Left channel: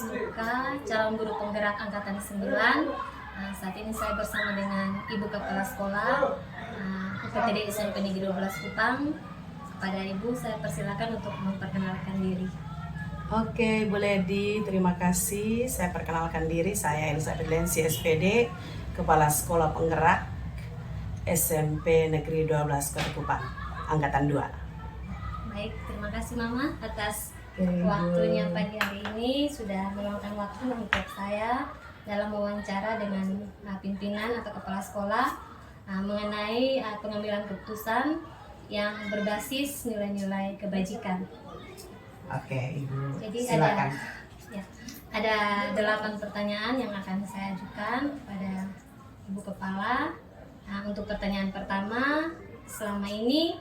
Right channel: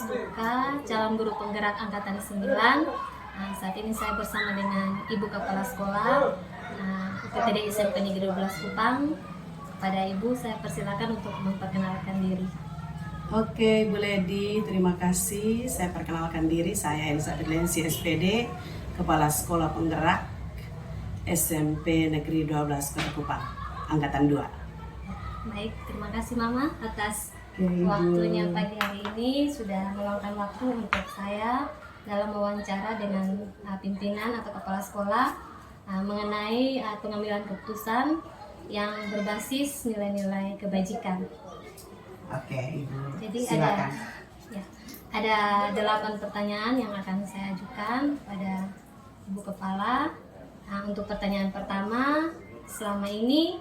Suka, calon guru penggerak angkatan 9. Saat ini saya bersama dengan Ibu Kepala Sekolah UPTD SMP Negeri 12 Kupang. Pada Ibu saya persilakan untuk memperkenalkan diri. Oke, Bu Ledi, terima kasih. Saya perkenalkan diri, saya Elizabeth Lensi SPD, Kepala Sekolah Penggerak SMP Negeri 12 Kota Kupang, Angkatan 2. Baik, terima kasih Mama atas waktunya pagi hari ini, sudah meluangkan waktu untuk saya dalam wawancara dengan pimpinan atau kepala sekolah mengenai pengambilan keputusan yang berbasis nilai-nilai kebajikan. Oke, Ibu. Jadi silakan. Ada 8 pertanyaan yang akan saya ajukan pada Ibu Kepala. Untuk pertanyaan pertama, selama ini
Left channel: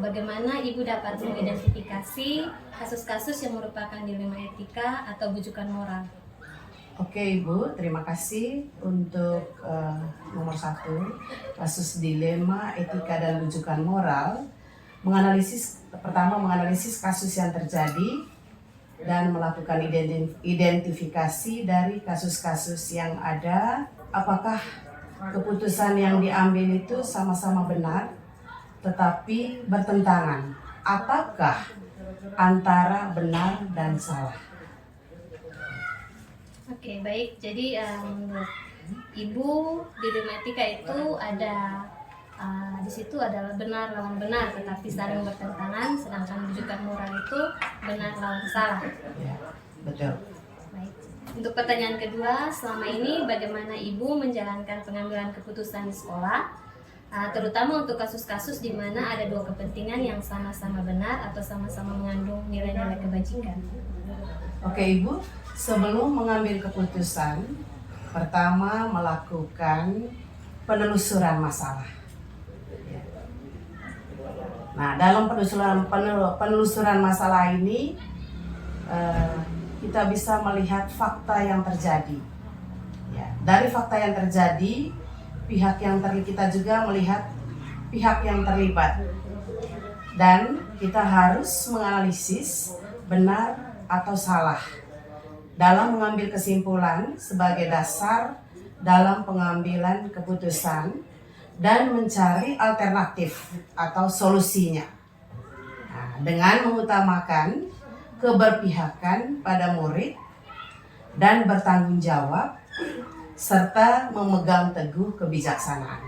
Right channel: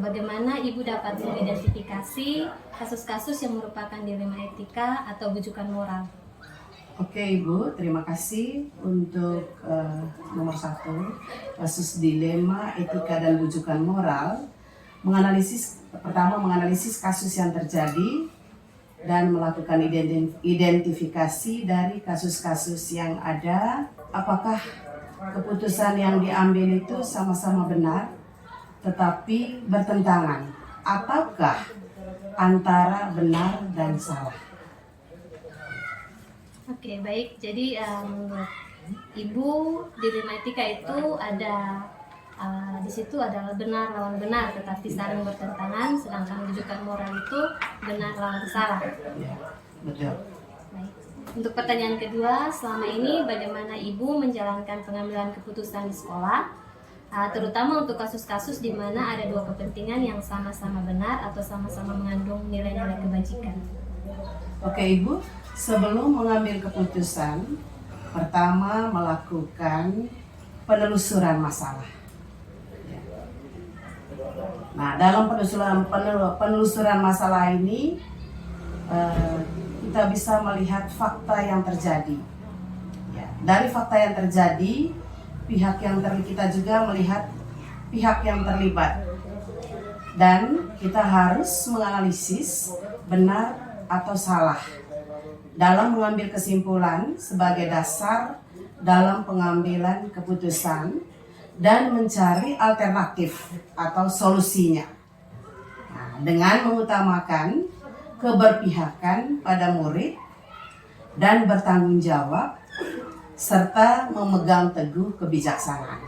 bagaimana Ibu dapat mengidentifikasi kasus-kasus yang merupakan dilema etika atau bujukan moral? Oke, Ibu, terima kasih untuk nomor 1, kasus dilema etika dan bujukan moral. Pertama menganalisis kasus yang terjadi dan melakukan identifikasi dari kasus-kasus yang ada, apakah keputusan yang diambil itu sama-sama benar tetapi bertentangan, ataukah antara benar dan salah. Oke, baik. Jadi menurut Ibu, dilema etika itu ada di situ adalah benar lawan benar tetapi saling bertentangan, sedangkan bujukan moral itu benar lawan salah. Ya, betul. Baik. Untuk pertanyaan kedua, selama ini bagaimana Ibu menjalankan pengambilan keputusan di sekolah, terutama untuk kasus-kasus di mana ada dua kepentingan yang sama-sama benar atau sama-sama mengandung nilai-nilai kebajikan? Oke, Ibu, sebelum mengambil keputusan, pertama melakukan penelusuran masalah. Nah, dalam penelusuran masalah ini kita bisa melihat fakta yang terjadi. Ya, dari fakta yang terjadi, kita juga melihat pihak yang terlibat, dan kita harus menganalisis benar atau salah dalam mengambil kesimpulan sebagai dasar dalam pengambilan keputusan dan mencari alternatif atau solusinya. Nah, dengan mengutamakan keberpihakan pada murid dan bertanggung jawab serta memegang teguh kebijaksanaan.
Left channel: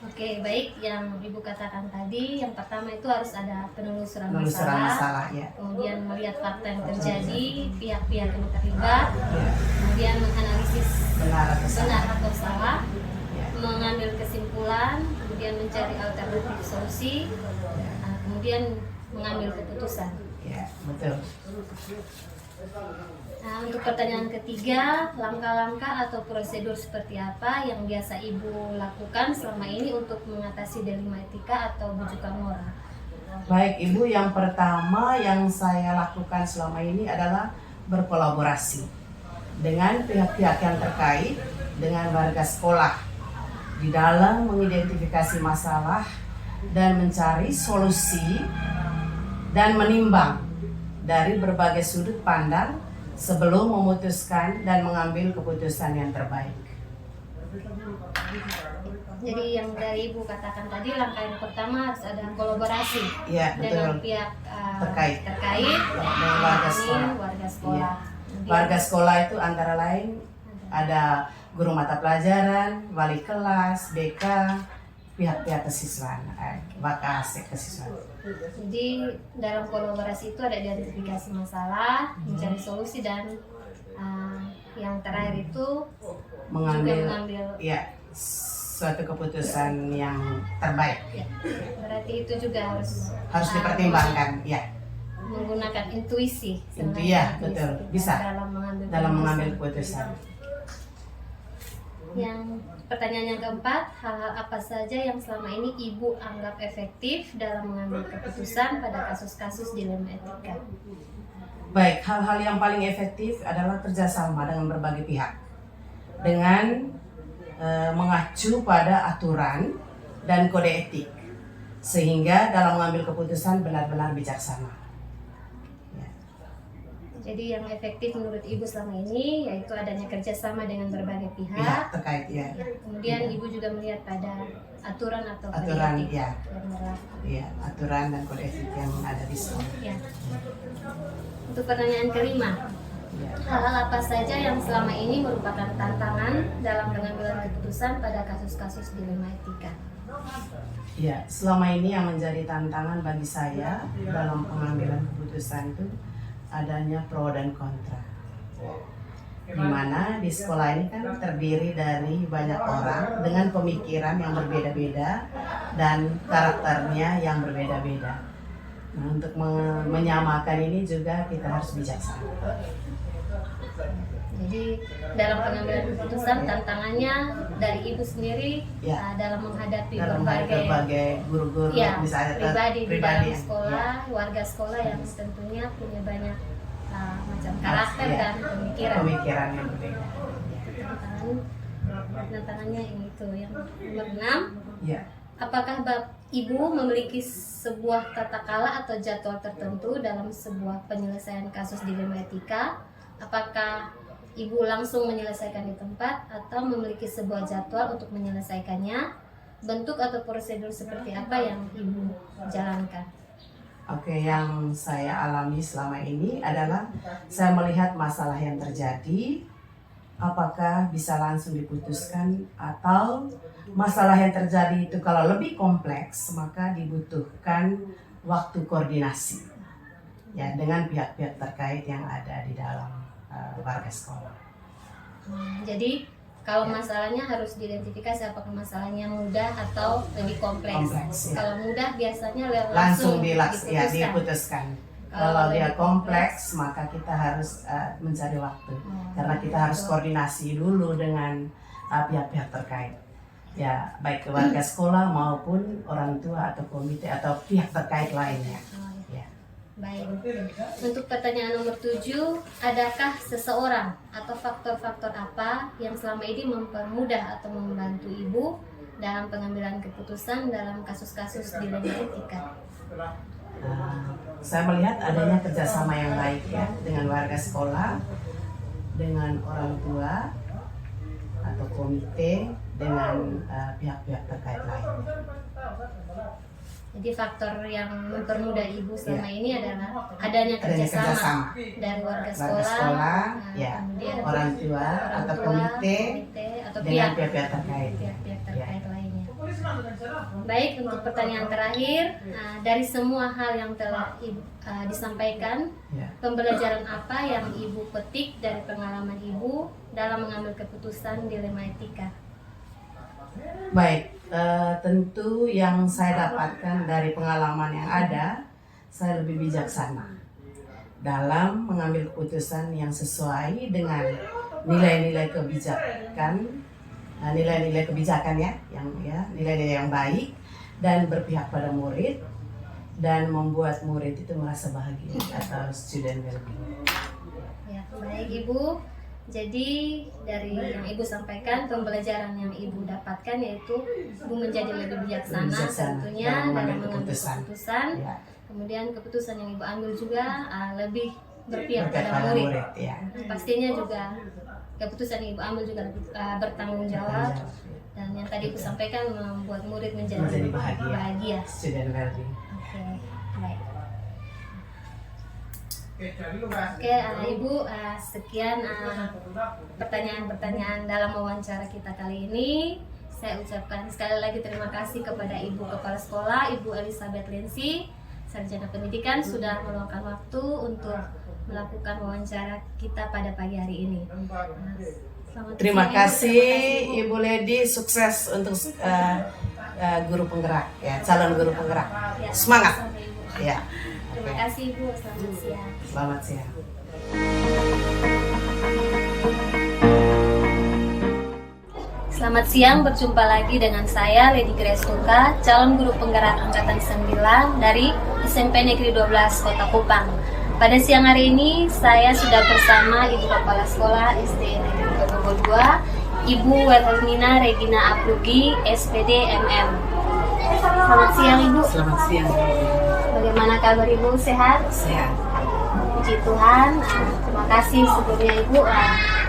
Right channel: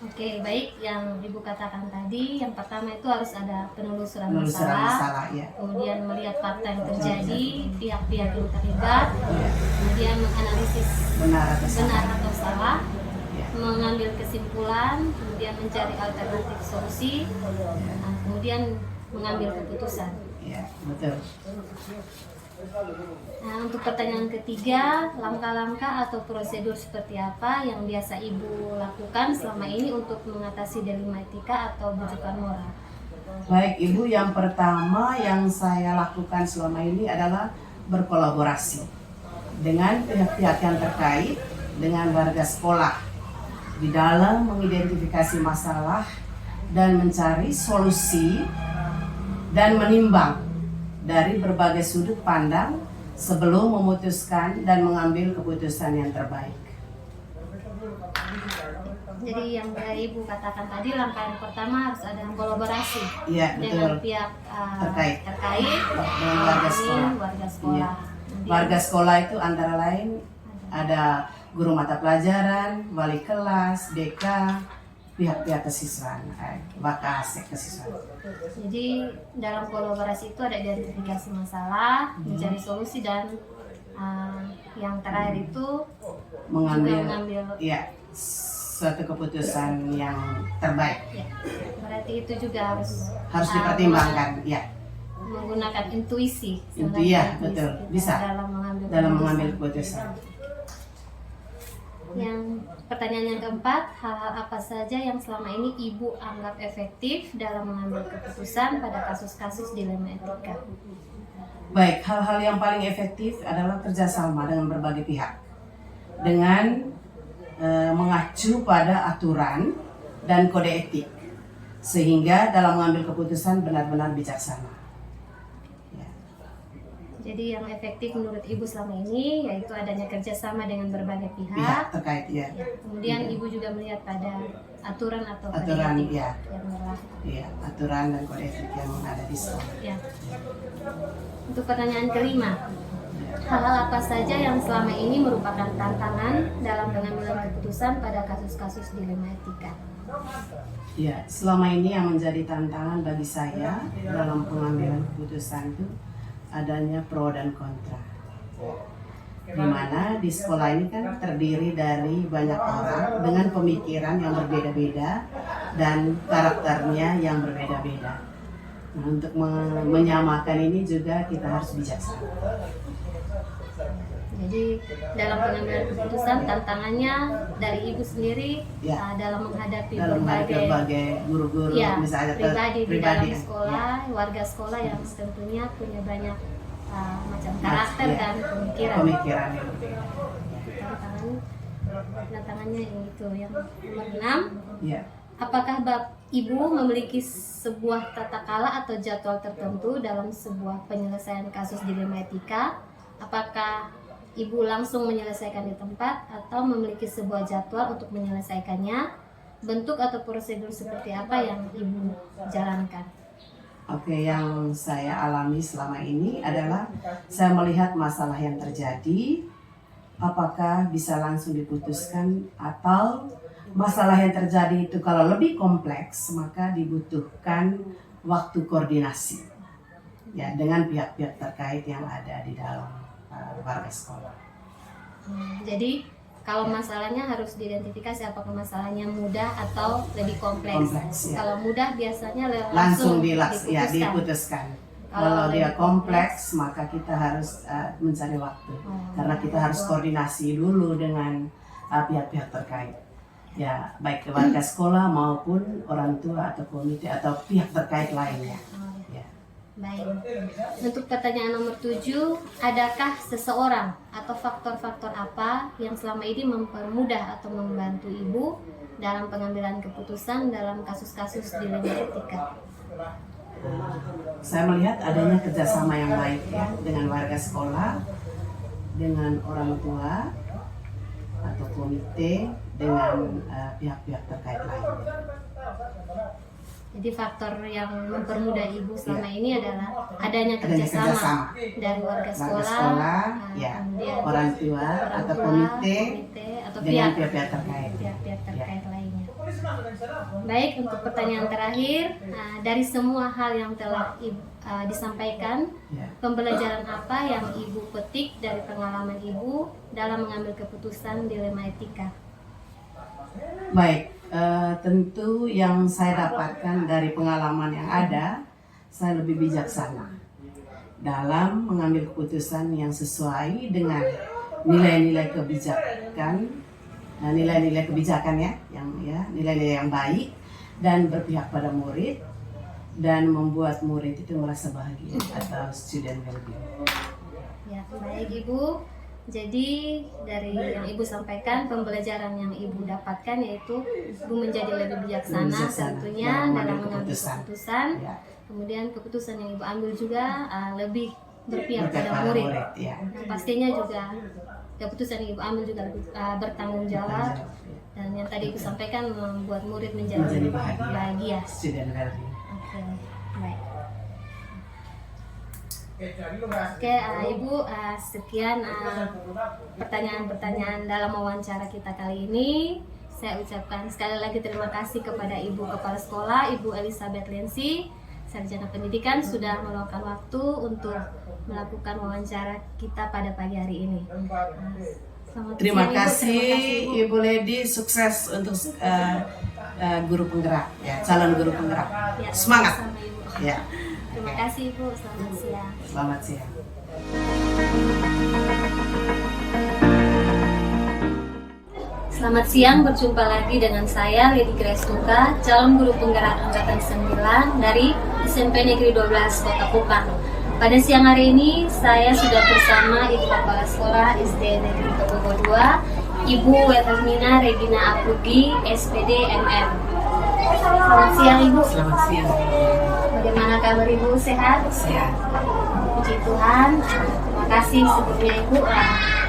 Oke, baik. Yang Ibu katakan tadi, yang pertama itu harus ada penelusuran masalah, ya. Kemudian melihat fakta yang terjadi, pihak-pihak yang terlibat, ya. Kemudian menganalisis benar atau salah, ya. Mengambil kesimpulan, kemudian mencari alternatif solusi, ya. Kemudian mengambil keputusan. Ya, betul. Nah, untuk pertanyaan ketiga, langkah-langkah atau prosedur seperti apa yang biasa Ibu lakukan selama ini untuk mengatasi dilema etika atau bujukan moral? Baik, Ibu, yang pertama yang saya lakukan selama ini adalah berkolaborasi dengan pihak-pihak yang terkait dengan warga sekolah di dalam mengidentifikasi masalah dan mencari solusi dan menimbang dari berbagai sudut pandang sebelum memutuskan dan mengambil keputusan yang terbaik. Jadi yang dari Ibu katakan tadi, langkah yang pertama harus ada kolaborasi, ya, dengan pihak terkait dengan warga sekolah. Ya. Warga sekolah itu antara lain ada guru mata pelajaran, wali kelas, BK, pihak-pihak kesiswaan, Wakasek kesiswaan. Jadi dalam kolaborasi itu ada identifikasi masalah, mencari solusi, dan yang terakhir itu mengambil suatu keputusan yang terbaik. Ya. Berarti itu juga harus dipertimbangkan, ya. Menggunakan intuisi. Betul. Bisa dalam mengambil keputusan. Yang pertanyaan yang keempat, hal-hal apa saja yang selama ini Ibu anggap efektif dalam mengambil keputusan pada kasus-kasus dilema etika? Baik, hal-hal yang paling efektif adalah kerjasama dengan berbagai pihak dengan mengacu pada aturan dan kode etik, sehingga dalam mengambil keputusan benar-benar bijaksana. Jadi Jadi yang efektif menurut Ibu selama ini yaitu adanya kerjasama dengan berbagai Pihak pihak. terkait ya. Ya, kemudian Ibu juga melihat pada aturan atau kode Aturan etik ya. yang berlaku. Iya, aturan dan kode etik yang ada di sekolah. Ya. Untuk pertanyaan kelima, Ya. hal-hal apa saja yang selama ini merupakan tantangan dalam pengambilan keputusan pada kasus-kasus dilema etika? Ya, selama ini yang menjadi tantangan bagi saya dalam pengambilan keputusan itu adanya pro dan kontra. Di mana di sekolah ini kan terdiri dari banyak orang dengan pemikiran yang berbeda-beda dan karakternya yang berbeda-beda. Nah, untuk menyamakan ini juga kita harus bijaksana. Jadi dalam pengambilan keputusan tantangannya dari Ibu sendiri Ya. dalam menghadapi Dalam berbagai guru-guru ya, misalnya pribadi di dalam yang- sekolah, ya, warga sekolah yang tentunya punya banyak macam karakter ya, dan pemikiran yang berbeda. Tantangannya itu yang nomor 6. Ya. Apakah Ibu memiliki sebuah tata kala atau jadwal tertentu dalam sebuah penyelesaian kasus dilema etika? Apakah Ibu langsung menyelesaikan di tempat atau memiliki sebuah jadwal untuk menyelesaikannya? Bentuk atau prosedur seperti apa yang Ibu jalankan? Oke, yang saya alami selama ini adalah saya melihat masalah yang terjadi, apakah bisa langsung diputuskan atau masalah yang terjadi itu kalau lebih kompleks maka dibutuhkan waktu koordinasi ya dengan pihak-pihak terkait yang ada di dalam warga sekolah. Jadi kalau masalahnya harus diidentifikasi apakah masalahnya mudah atau lebih kompleks. Kompleks, ya. Kalau mudah biasanya Langsung diputuskan. diputuskan. Kalau Kalau dia lebih kompleks maka kita harus mencari waktu karena kita harus koordinasi dulu dengan pihak-pihak terkait. Ya, baik warga sekolah maupun orang tua atau komite atau pihak terkait lainnya. Ya. Baik. Untuk pertanyaan nomor 7, adakah seseorang atau faktor-faktor apa yang selama ini mempermudah atau membantu Ibu dalam pengambilan keputusan dalam kasus-kasus dilema etika? Saya melihat adanya kerjasama yang baik ya dengan warga sekolah, dengan orang tua atau komite, dengan pihak-pihak terkait lainnya. Jadi faktor yang mempermudah Ibu selama ini adalah adanya Adanya kerjasama kerjasama dari warga warga sekolah, sekolah, ya, kemudian orang tua atau komite atau dengan pihak-pihak terkait. pihak-pihak terkait lainnya. Baik, untuk pertanyaan terakhir, dari semua hal yang telah disampaikan, Ya. pembelajaran apa yang Ibu petik dari pengalaman Ibu dalam mengambil keputusan dilema etika? Baik, tentu yang saya dapatkan dari pengalaman yang ada, saya lebih bijaksana dalam mengambil keputusan yang sesuai dengan nilai-nilai kebijakan, nilai-nilai kebijakan ya, nilai-nilai yang baik dan berpihak pada murid dan membuat murid itu merasa bahagia atau student well-being. Ya, baik Ibu. Jadi dari yang Ibu sampaikan, pembelajaran yang Ibu dapatkan yaitu Ibu menjadi lebih bijaksana tentunya dalam mengambil keputusan. Ya. Kemudian keputusan yang Ibu ambil juga lebih berpihak Berpihak pada pada murid. murid, ya. Nah, pastinya juga keputusan yang Ibu ambil juga bertanggung jawab. Dan yang tadi Ibu sampaikan membuat murid menjadi bahagia. Student well-being. Oke, baik. Oke, Ibu, sekian pertanyaan-pertanyaan dalam wawancara kita kali ini. Saya ucapkan sekali lagi terima kasih kepada Ibu Kepala Sekolah, Ibu Elizabeth Lensi, Sarjana Pendidikan, sudah meluangkan waktu untuk melakukan wawancara kita pada pagi hari ini. Terima siang, kasih Ibu. Ibu Lady, sukses untuk guru penggerak ya, calon guru penggerak. Ya, Semangat. sama-sama, Ibu. Ya. Terima kasih Ibu, selamat siang. Selamat siang. Selamat siang, berjumpa lagi dengan saya Lady Grace Tuka, calon guru penggerak angkatan 9 dari SMP Negeri 12 Kota Kupang. Pada siang hari ini saya sudah bersama Ibu Kepala Sekolah SD Negeri Togogo 2, Ibu Wetelmina Regina Aplugi, SPD MM. Selamat siang Ibu. Selamat siang. Bagaimana kabar Ibu? Sehat? Sehat. puji Tuhan. Terima kasih sebelumnya Ibu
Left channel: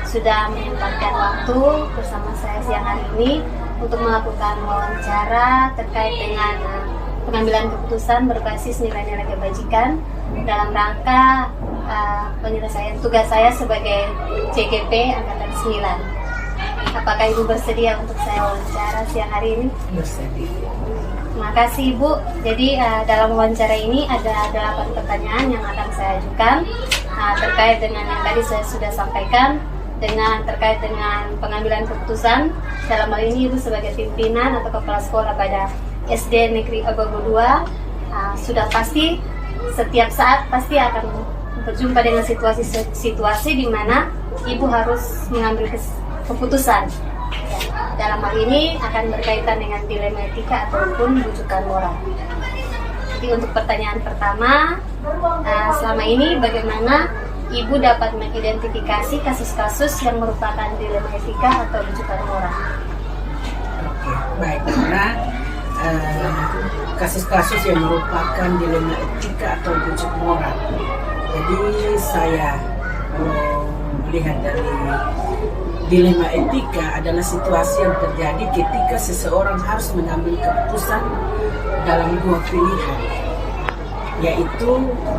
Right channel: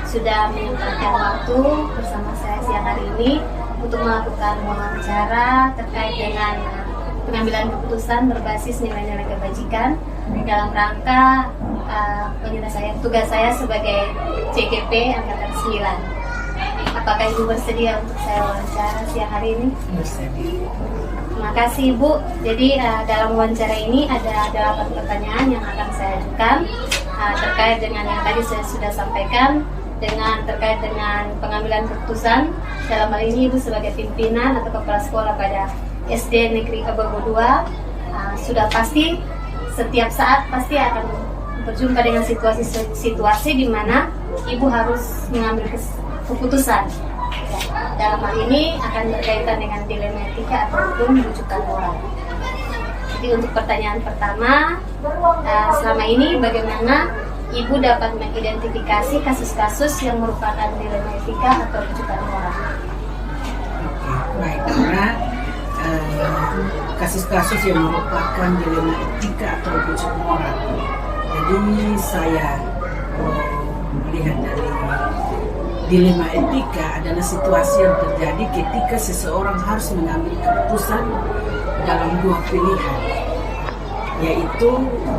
sudah menyempatkan waktu bersama saya siang hari ini untuk melakukan wawancara terkait dengan pengambilan keputusan berbasis nilai-nilai kebajikan dalam rangka penyelesaian tugas saya sebagai CGP Angkatan 9. Apakah Ibu bersedia untuk saya wawancara siang hari ini? Bersedia. Terima kasih Ibu. Jadi dalam wawancara ini ada 8 pertanyaan yang akan saya ajukan terkait dengan yang tadi saya sudah sampaikan, terkait dengan pengambilan keputusan. Dalam hal ini Ibu sebagai pimpinan atau kepala sekolah pada SD Negeri Abogo 2 sudah pasti setiap saat pasti akan berjumpa dengan situasi di mana Ibu harus mengambil keputusan. Dalam hal ini akan berkaitan dengan dilema etika ataupun bujukan moral. Jadi untuk pertanyaan pertama, selama ini bagaimana Ibu dapat mengidentifikasi kasus-kasus yang merupakan dilema etika atau bujukan moral? Oke, baik. Karena kasus-kasus yang merupakan dilema etika atau bujuk moral. Jadi saya melihat dari dilema etika adalah situasi yang terjadi ketika seseorang harus mengambil keputusan dalam 2 pilihan, yaitu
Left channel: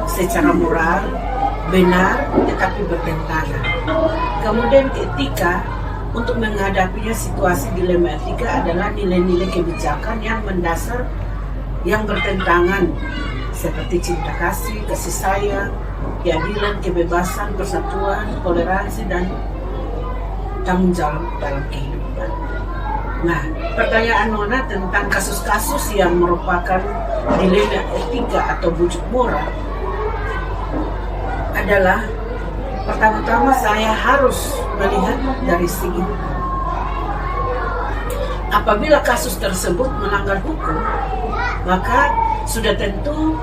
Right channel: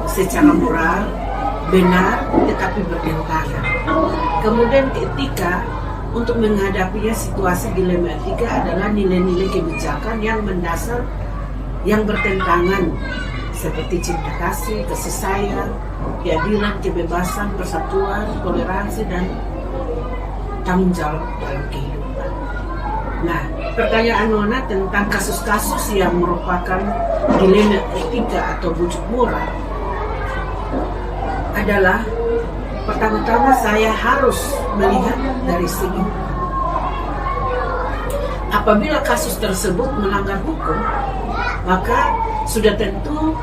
secara moral benar tetapi bertentangan. Kemudian etika untuk menghadapinya situasi dilema etika adalah nilai-nilai kebijakan yang mendasar yang bertentangan seperti cinta kasih, kasih sayang, keadilan, kebebasan, persatuan, toleransi, dan tanggung jawab dalam kehidupan. Nah, pertanyaan Nona tentang kasus-kasus yang merupakan dilema etika atau bujuk moral adalah pertama-tama saya harus melihat dari segi apabila kasus tersebut melanggar hukum, maka sudah tentu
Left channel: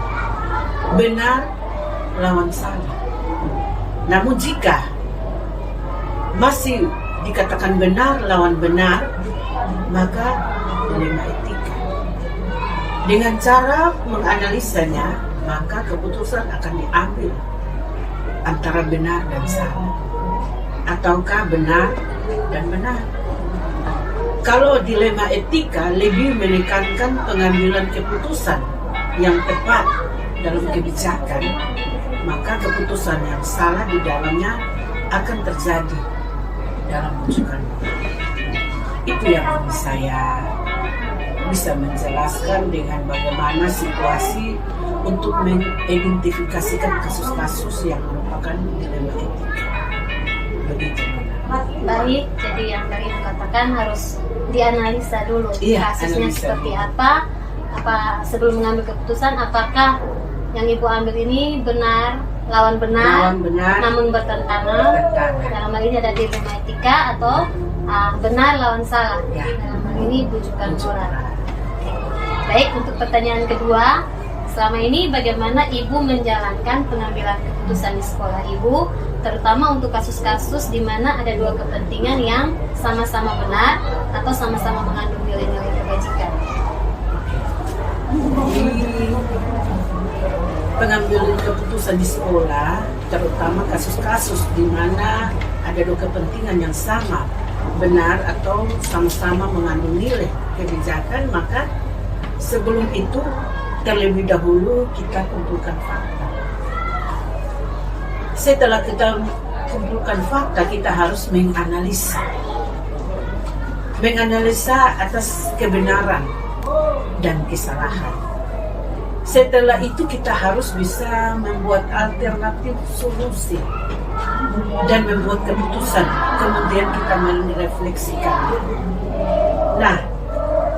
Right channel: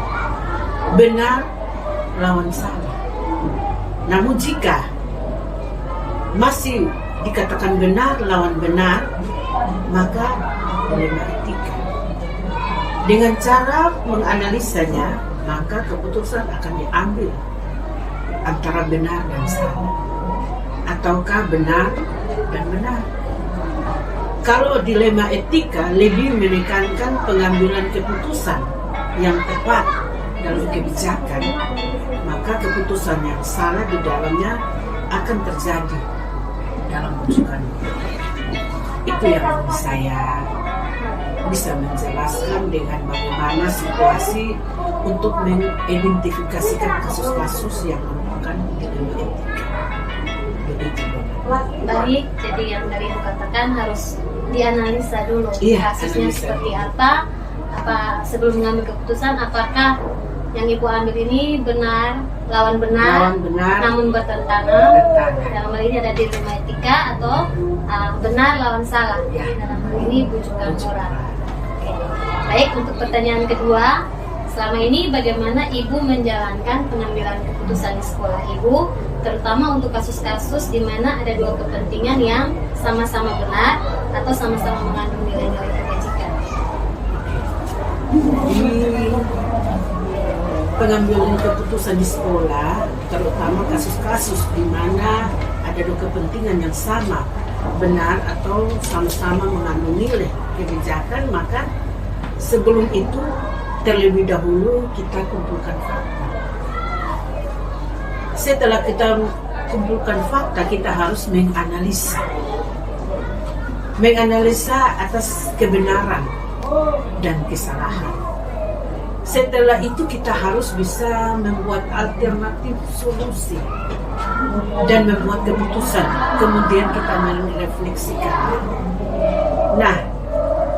benar lawan salah. Namun jika masih dikatakan benar lawan benar, maka dilema etika. Dengan cara menganalisanya, maka keputusan akan diambil antara benar dan salah, ataukah benar dan benar. Kalau dilema etika lebih menekankan pengambilan keputusan yang tepat dalam kebijakan, maka keputusan yang salah di dalamnya akan terjadi dalam bujukan. Itu yang saya bisa menjelaskan dengan bagaimana situasi untuk mengidentifikasikan kasus-kasus yang merupakan dilema etika. Begitu. Baik, jadi yang tadi Ibu katakan harus dianalisa dulu kasusnya analisa seperti apa sebelum mengambil keputusan, apakah yang Ibu ambil ini benar lawan benar namun bertentangan. Dalam hal ini ada dilema etika atau benar lawan salah. Dalam hal ini bujukan moral. Oke. Baik, untuk pertanyaan kedua, selama ini bagaimana Ibu menjalankan pengambilan keputusan di sekolah Ibu, terutama untuk kasus-kasus di mana ada 2 kepentingan yang sama-sama benar atau sama-sama mengandung nilai-nilai kebajikan? Pengambilan keputusan di sekolah, terutama kasus-kasus di mana ada 2 kepentingan yang sama, benar atau sama-sama mengandung nilai kebijakan, maka sebelum itu terlebih dahulu kita kumpulkan fakta. Setelah kita kumpulkan fakta, kita harus menganalisa atas kebenaran dan kesalahan. Setelah itu kita harus bisa membuat alternatif solusi dan membuat keputusan. Kemudian kita merefleksikan. Nah,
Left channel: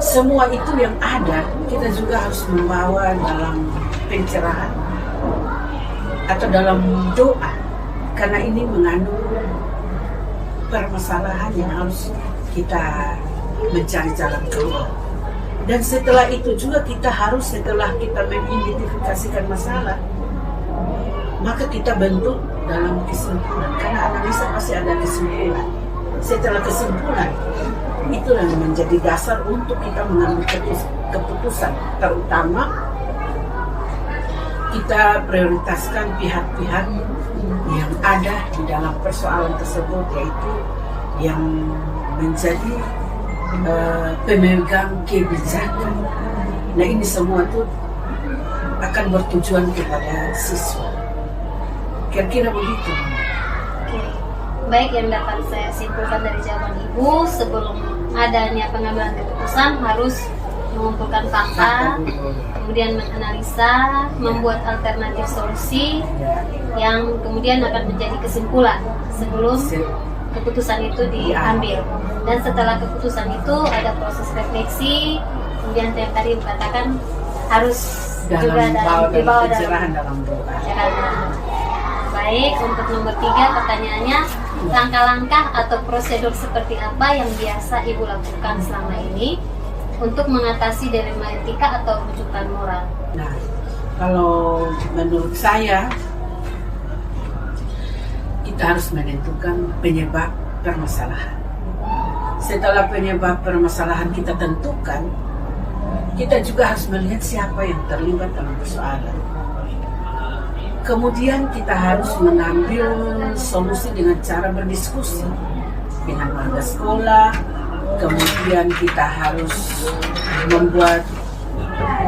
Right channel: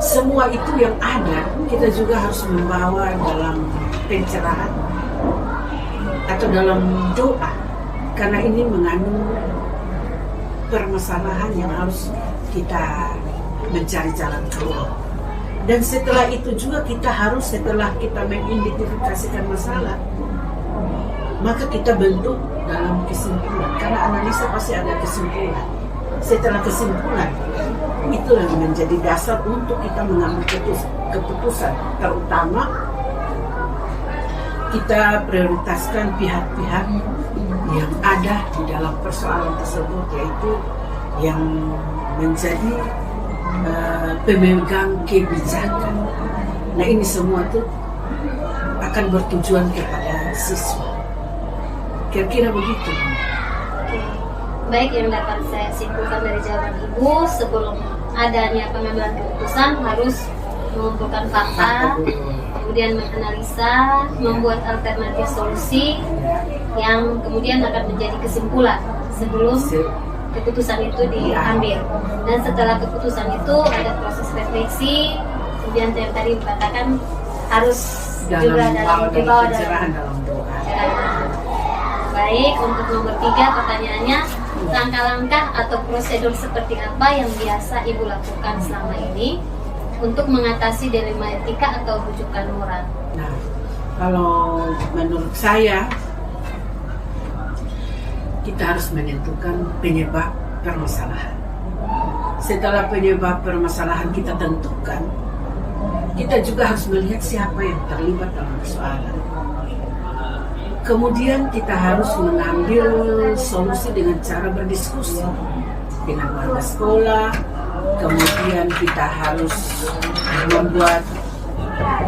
semua itu yang ada kita juga harus membawa dalam pencerahan atau dalam doa, karena ini mengandung permasalahan yang harus kita mencari jalan keluar. Dan setelah itu juga kita harus, setelah kita mengidentifikasikan masalah, maka kita bentuk dalam kesimpulan, karena analisa pasti ada kesimpulan. Setelah kesimpulan, itu yang menjadi dasar untuk kita mengambil keputusan. Terutama kita prioritaskan pihak-pihak yang ada di dalam persoalan tersebut, yaitu yang menjadi pemegang kebijakan. Nah, ini semua tuh akan bertujuan kepada siswa. Kira-kira begitu. Oke. Baik, yang dapat saya simpulkan dari jawaban Ibu, sebelum adanya pengambilan keputusan harus mengumpulkan fakta, kemudian menganalisa, membuat alternatif solusi yang kemudian akan menjadi kesimpulan sebelum keputusan itu diambil. Dan setelah keputusan itu ada proses refleksi, kemudian yang tadi dikatakan harus juga dibawa dalam doa. Baik, untuk nomor 3 pertanyaannya, langkah-langkah atau prosedur seperti apa yang biasa Ibu lakukan selama ini untuk mengatasi dilema etika atau rujukan moral? Nah, kalau menurut saya, kita harus menentukan penyebab permasalahan. Setelah penyebab permasalahan kita tentukan, kita juga harus melihat siapa yang terlibat dalam persoalan. Kemudian kita harus mengambil solusi dengan cara berdiskusi dengan warga sekolah. Kemudian kita harus membuat,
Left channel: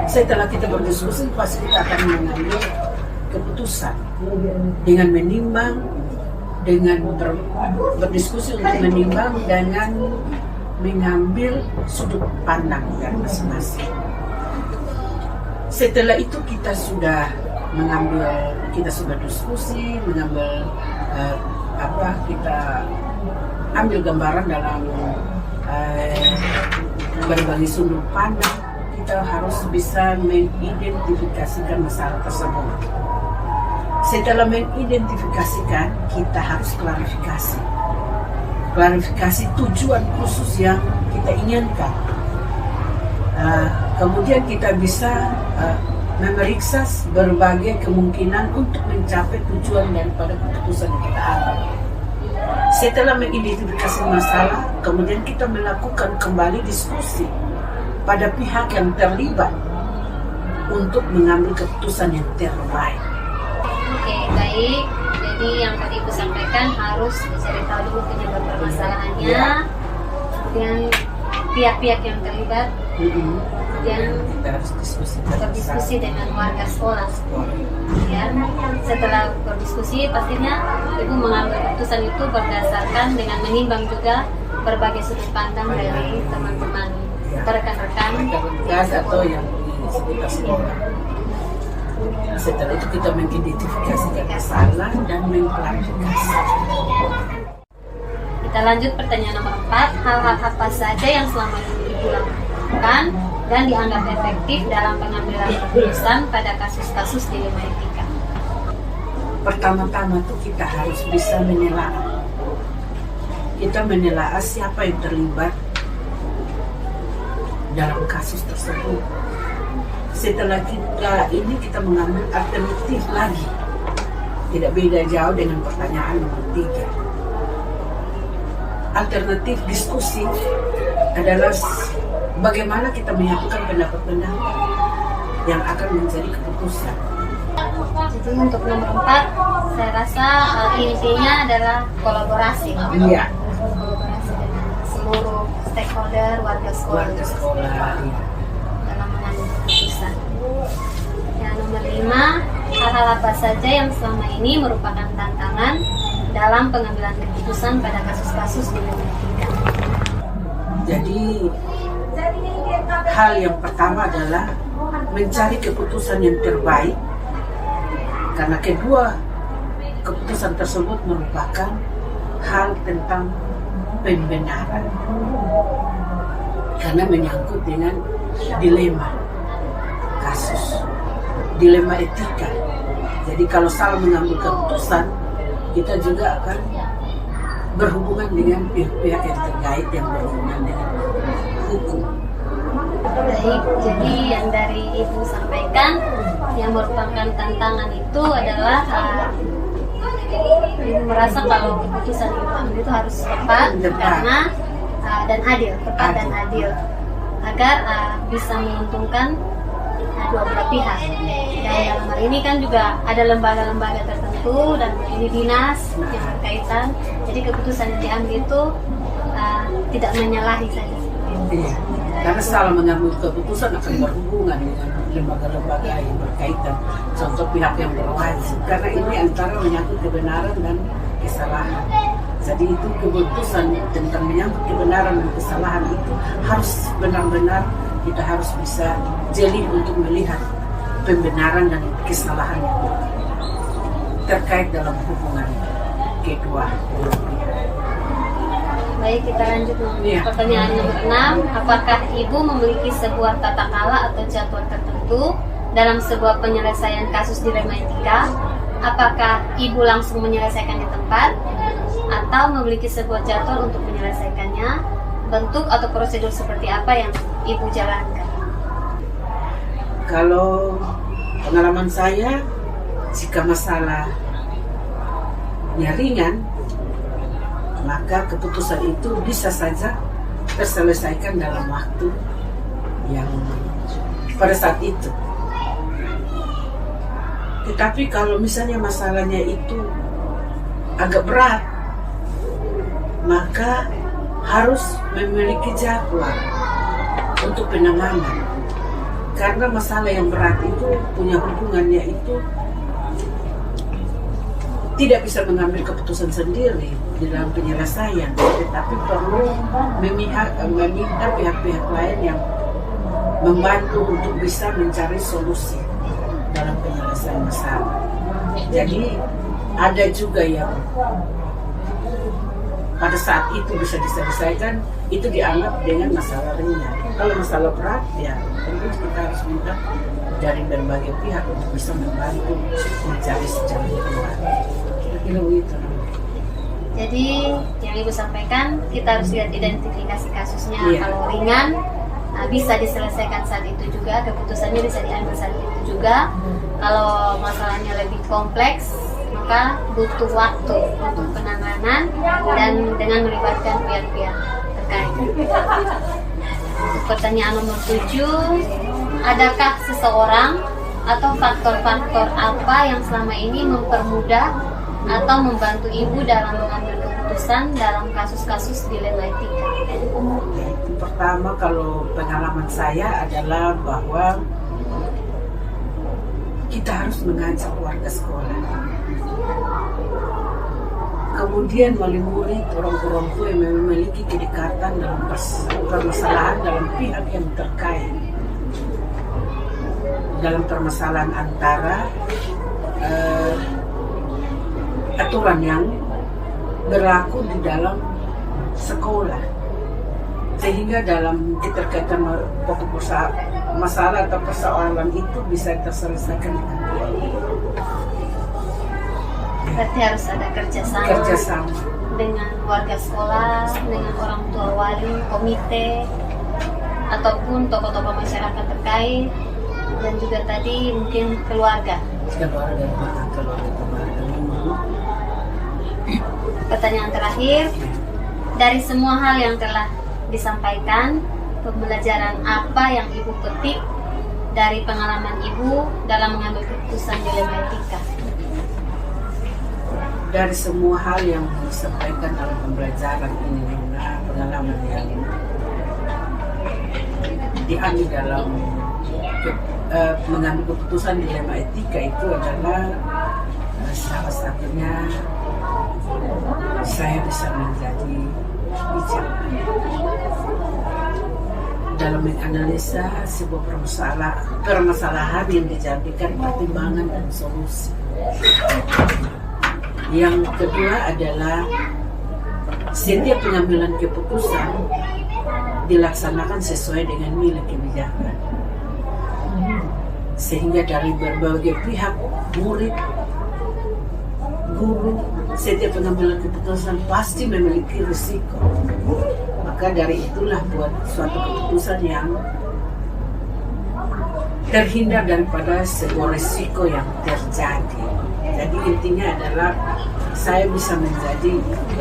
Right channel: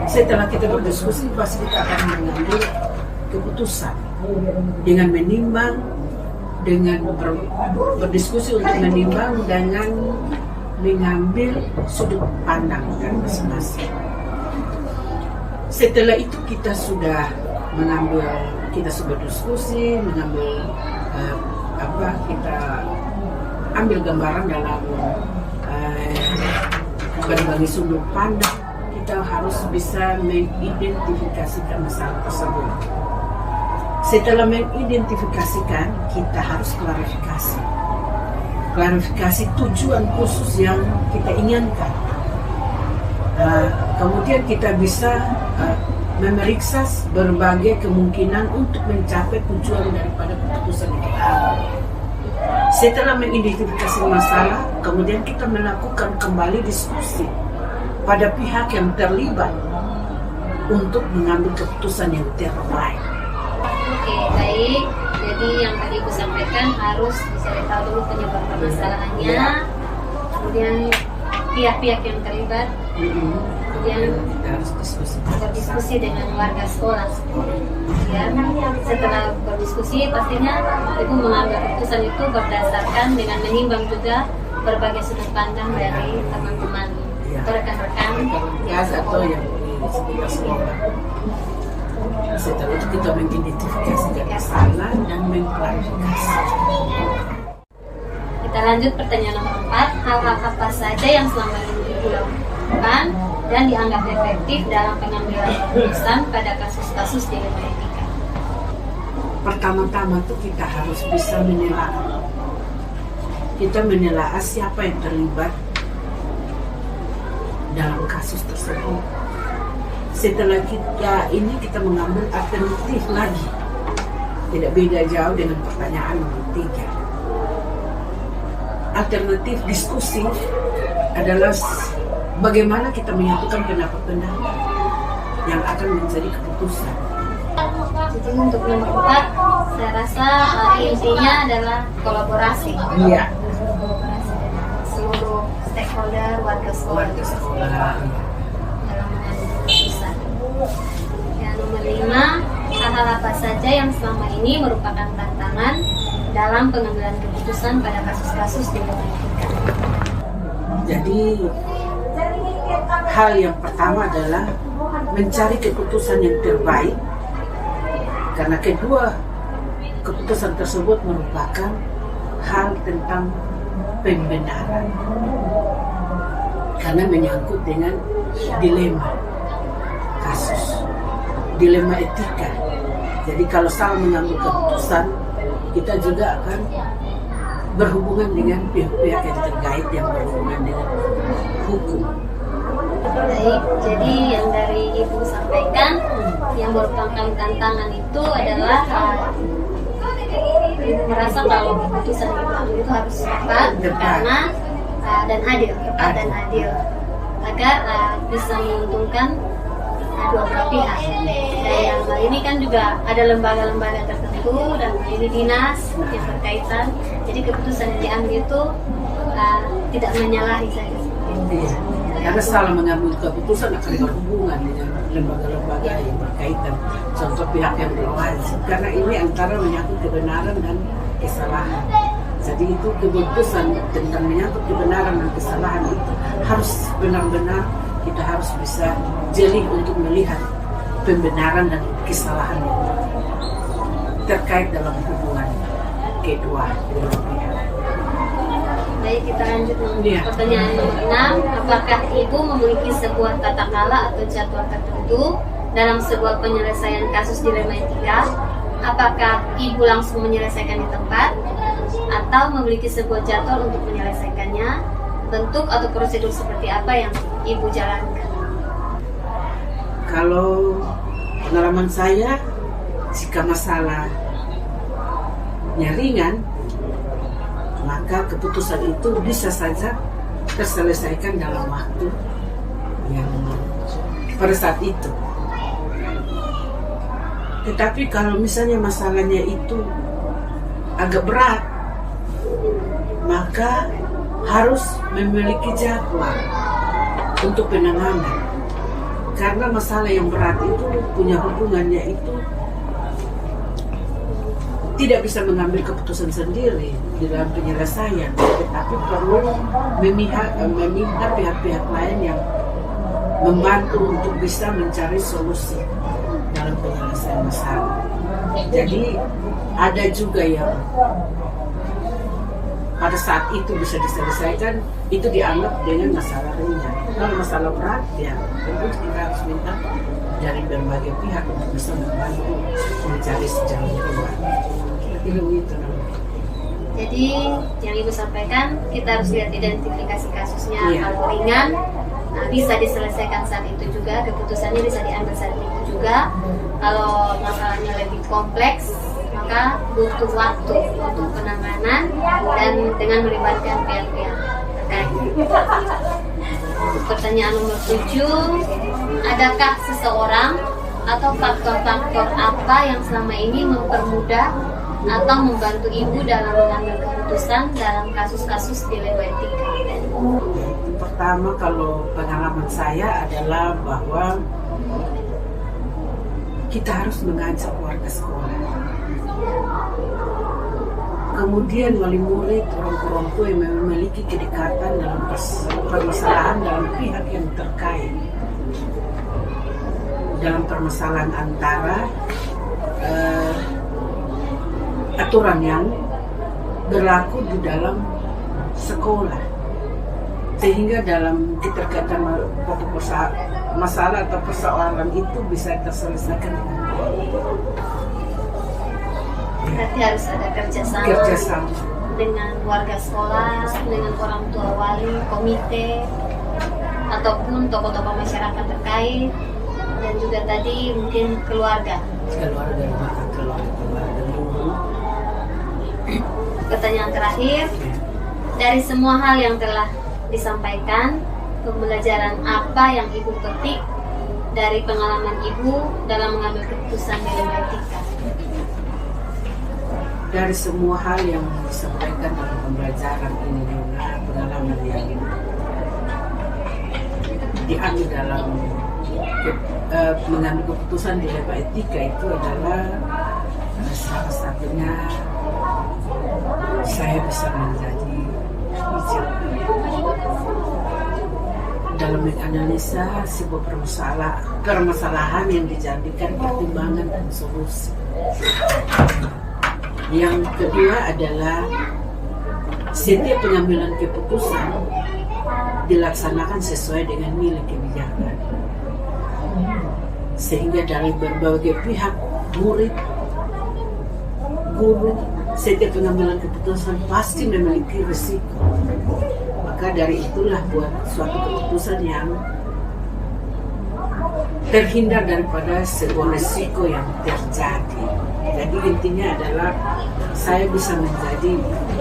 setelah kita berdiskusi pasti kita akan mengambil keputusan dengan menimbang, dengan berdiskusi untuk menimbang dengan mengambil sudut pandang dari masing-masing. Setelah itu kita sudah diskusi, kita ambil gambaran dalam berbagai sudut pandang. Kita harus bisa mengidentifikasikan masalah tersebut. Setelah mengidentifikasikan, kita harus klarifikasi tujuan khusus yang kita inginkan. Kemudian kita bisa memeriksa berbagai kemungkinan untuk mencapai tujuan daripada keputusan yang kita ambil. Setelah mengidentifikasi masalah, kemudian kita melakukan kembali diskusi pada pihak yang terlibat untuk mengambil keputusan yang terbaik. Oke, baik. Jadi yang tadi Ibu sampaikan harus dicari tahu dulu penyebab permasalahannya, kemudian pihak-pihak yang terlibat, kemudian kita harus berdiskusi dengan warga sekolah. Ya, setelah berdiskusi pastinya Ibu mengambil keputusan itu berdasarkan dengan menimbang juga berbagai sudut pandang dari teman-teman atau rekan-rekan atau yang di sekitar sekolah. Setelah itu kita mengidentifikasi masalah dan mengklarifikasi. Kita lanjut pertanyaan nomor 4. Hal-hal apa saja yang selama ini Ibu lakukan dan dianggap efektif dalam pengambilan keputusan pada kasus-kasus dilema etika? Pertama-tama tuh kita harus bisa menelaah. Kita menelaah siapa yang terlibat dalam kasus tersebut. Setelah kita mengambil alternatif lagi, tidak beda jauh dengan pertanyaan nomor 3. Alternatif diskusi adalah bagaimana kita menyatukan pendapat-pendapat yang akan menjadi keputusan. Jadi untuk nomor 4, saya rasa intinya adalah kolaborasi. Iya. Kolaborasi dengan seluruh stakeholder warga sekolah. Dalam mengambil keputusan. Yang nomor 5, hal-hal apa saja yang selama ini merupakan tantangan dalam pengambilan keputusan pada kasus-kasus dilema etika? Jadi hal yang pertama adalah mencari keputusan yang terbaik, karena kedua keputusan tersebut merupakan hal tentang pembenaran, karena menyangkut dengan dilema kasus, dilema etika. Jadi kalau salah mengambil keputusan, kita juga akan berhubungan dengan pihak-pihak yang terkait yang berhubungan dengan hukum. Baik, jadi yang dari Ibu sampaikan yang merupakan tantangan itu adalah Ibu merasa kalau keputusan itu harus tepat karena dan adil, dan adil agar bisa menguntungkan dua belah pihak. Dan dalam hal ini kan juga ada lembaga-lembaga tertentu itu dan ini dinas yang berkaitan. Jadi keputusan yang diambil itu tidak menyalahi saja. Iya. Karena salah mengambil keputusan akan berhubungan dengan lembaga-lembaga yang berkaitan, contoh pihak yang berwajib. Karena ini antara menyangkut kebenaran dan kesalahan. Jadi itu keputusan tentang menyangkut kebenaran dan kesalahan itu harus benar-benar kita harus bisa jeli untuk melihat pembenaran dan kesalahan yang terkait dalam hubungan kedua belah pihak. Baik, kita lanjut Iya. pertanyaan nomor 6. Apakah ibu memiliki sebuah tata kala atau jadwal tertentu dalam sebuah penyelesaian kasus dilema etika? Apakah ibu langsung menyelesaikan di tempat atau memiliki sebuah jadwal untuk menyelesaikannya? Bentuk atau prosedur seperti apa yang ibu jalankan? Kalau pengalaman saya, jika masalahnya ringan, maka keputusan itu bisa saja terselesaikan dalam waktu yang pada saat itu. Tetapi kalau misalnya masalahnya itu agak berat, maka harus memiliki jadwal untuk penanganan. Karena masalah yang berat itu punya hubungannya itu tidak bisa mengambil keputusan sendiri di dalam penyelesaian, tetapi perlu meminta pihak-pihak lain yang membantu untuk bisa mencari solusi dalam penyelesaian masalah. Jadi ada juga yang pada saat itu bisa diselesaikan, itu dianggap dengan masalah ringan. Kalau masalah berat, ya tentu kita harus minta dari berbagai pihak untuk bisa membantu mencari jalan keluar. Kira-kira begitu. Jadi yang ibu sampaikan, kita harus lihat identifikasi kasusnya. Iya. Kalau ringan, bisa diselesaikan saat itu juga, keputusannya bisa diambil saat itu juga. Kalau masalahnya lebih kompleks, maka butuh waktu untuk penanganan dan dengan melibatkan pihak-pihak terkait. Untuk pertanyaan nomor 7, adakah seseorang atau faktor-faktor apa yang selama ini mempermudah atau membantu ibu dalam mengambil keputusan dalam kasus-kasus dilema etika? Pertama, kalau pengalaman saya adalah bahwa kita harus mengajak warga sekolah, kemudian wali murid, orang tua yang memiliki kedekatan dalam permasalahan dalam pihak yang terkait, dalam permasalahan antara aturan yang berlaku di dalam sekolah, sehingga dalam keterkaitan pokok masalah atau persoalan itu bisa terselesaikan dengan baik. Berarti harus ada kerjasama dengan warga sekolah, dengan orang tua wali, komite, ataupun tokoh-tokoh masyarakat terkait, dan juga tadi mungkin keluarga. Keluarga. Pertanyaan terakhir, dari semua hal yang telah disampaikan, pembelajaran apa yang ibu petik dari pengalaman ibu dalam mengambil keputusan dilema etika? Dari semua hal yang disampaikan dalam pembelajaran ini dengan pengalaman yang diambil dalam mengambil keputusan dilema etika itu adalah salah satunya saya bisa menjadi bijak dalam menganalisa sebuah permasalahan yang dijadikan pertimbangan dan solusi. Yang kedua adalah setiap pengambilan keputusan dilaksanakan sesuai dengan nilai kebijakan, sehingga dari berbagai pihak, murid, guru, setiap pengambilan keputusan pasti memiliki risiko. Maka dari itulah buat suatu keputusan yang terhindar daripada sebuah risiko yang terjadi. Jadi intinya adalah saya bisa menjadi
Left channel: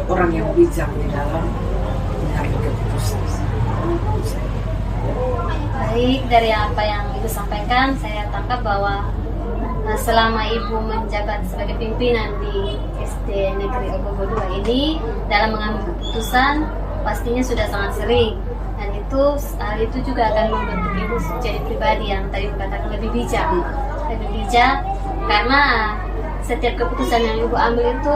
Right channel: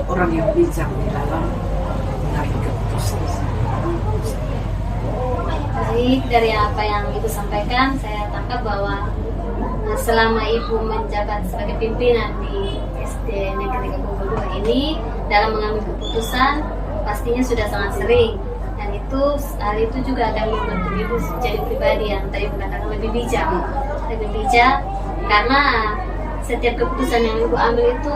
orang yang bijak di dalam mengambil keputusan. Baik, dari apa yang ibu sampaikan, saya tangkap bahwa selama Ibu menjabat sebagai pimpinan di SD Negeri Ogogo 2 ini dalam mengambil keputusan pastinya sudah sangat sering, dan hal itu juga akan membentuk Ibu jadi pribadi yang tadi mengatakan lebih bijak karena setiap keputusan yang Ibu ambil itu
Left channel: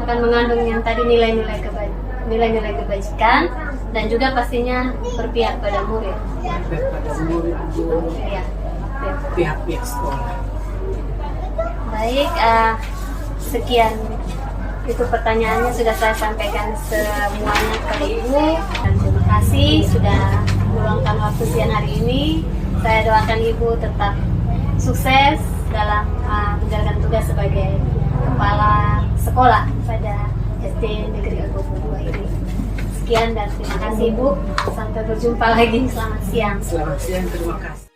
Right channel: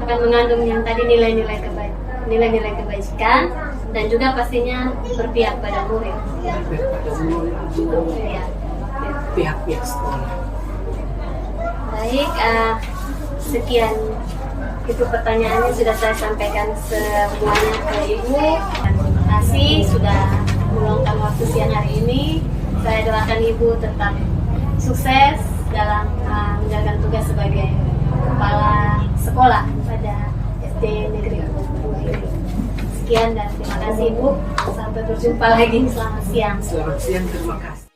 akan mengandung yang tadi nilai-nilai kebajikan dan juga pastinya berpihak pada murid. Pada murid, guru, Ya. pihak-pihak sekolah. Baik, sekian itu pertanyaannya sudah saya sampaikan semuanya ke Ibu, dan terima kasih sudah meluangkan waktu siang hari ini. Saya doakan Ibu tetap sukses dalam menjalankan tugas sebagai kepala sekolah pada SD Negeri Ogogo 2 ini. Sekian dan terima kasih Ibu. Sampai berjumpa lagi. Selamat siang. Selamat siang, terima kasih.